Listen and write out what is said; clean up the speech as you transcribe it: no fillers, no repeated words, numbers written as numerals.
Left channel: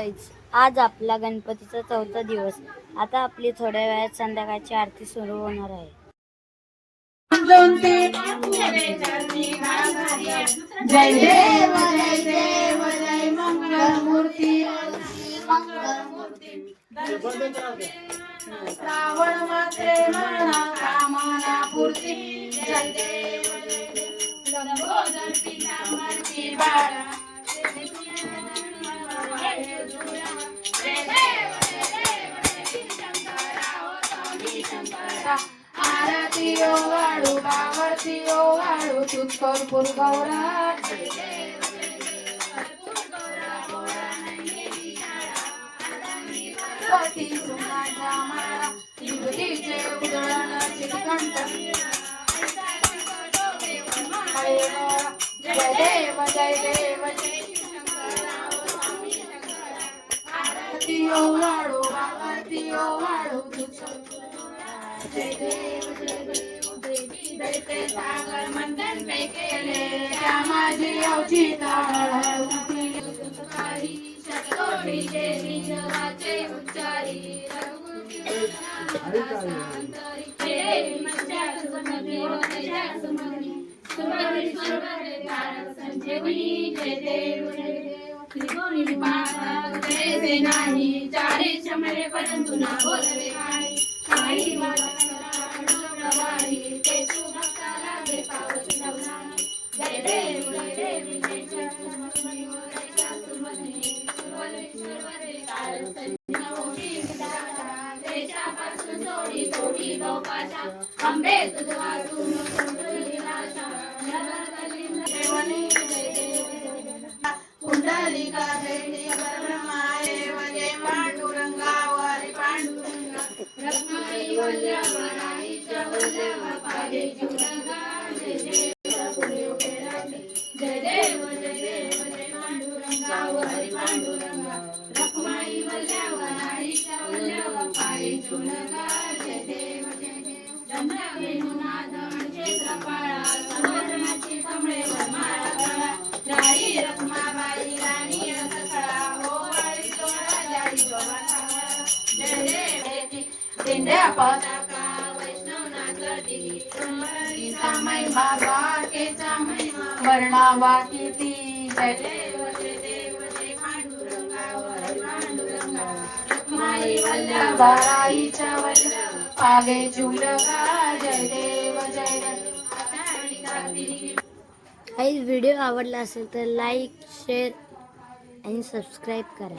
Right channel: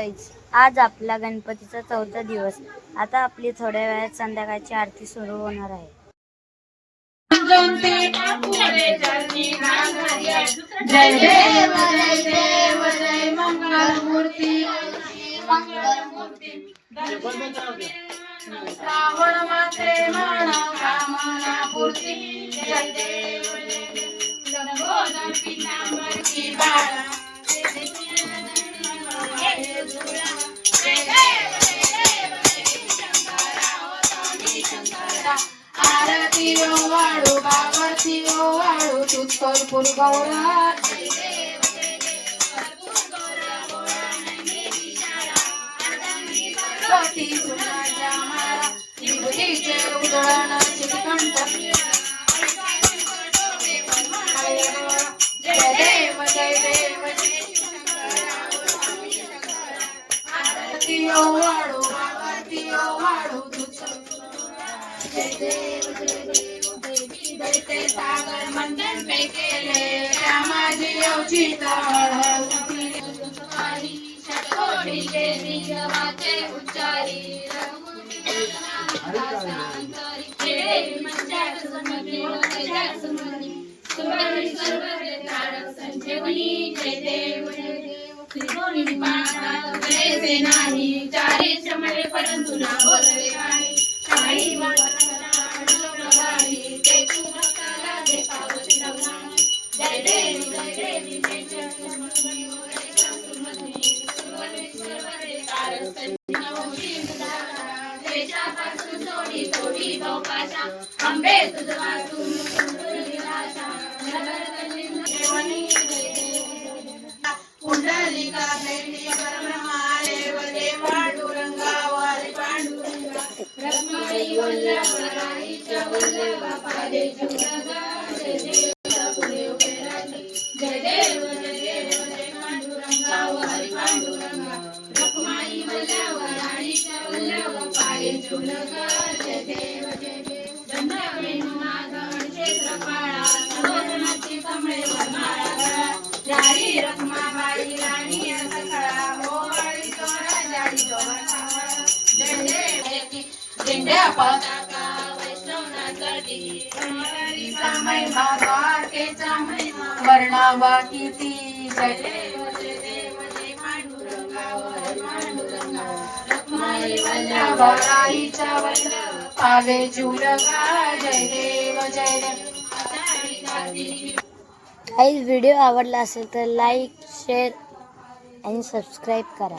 आज आपला गणपतीचा 4था दिवस. आता आपली थोड्या वेळात संध्याकाळची आरती सुरू होणार आहे. जय देव जय देव जय मंगलमूर्ती श्रावण मात्रे म्हणा कामना पूर्ती. जय देव लंबोदर पितांबरी बाळा आरती वाळू बाबाची वाळू तूच कर्पूर गौरा. पती सुनाच्या माळा विभूतीचे उधळण श्रीकंठ. जय देव जय देव आरती वाळू बाबाची वाळू तूच. जय देव देवी दैते सागर मंडन पे केले रामाजी अवचिता शतकोटी देवी वाचे उच्चारी संजीवनी. जय देव जय नाही चारी चमले परंतु ना बोलले नाही. काही जय देव जय अंबे तुझा कुंडलिका दैनी परब्रह्माले वगे पांडुरंगावर पांडुरंगा रत्नाई वल्लभाईच्या वल्लभ पादे जुगगा. जय देव जय पांडुरंगावर पांडुरंगा रत्नाई वल्लभाईच्या वल्लभ पादे जुगगा. जय देव चंद्रवेणुनाथन क्षेत्रपाळा सुवर्णाची कमळे माळा राणी रखमाबाई राणी सखळा होवाळी तो राजाई जोवाळा. जय देव दिंड्या पताका वैष्णवनाथी कमळीचा महिमा द्वारकेचा महिमा वर्णावा किती. जय देव जय पांडुरंगावर पांडुरंगा रखमाई वल्लभाईच्या वल्लभ पावे जुलगा. जय देव जय देव. व्हिडिओ आवडला असेल तर लाईक, शेअर आणि सबस्क्राईब करा.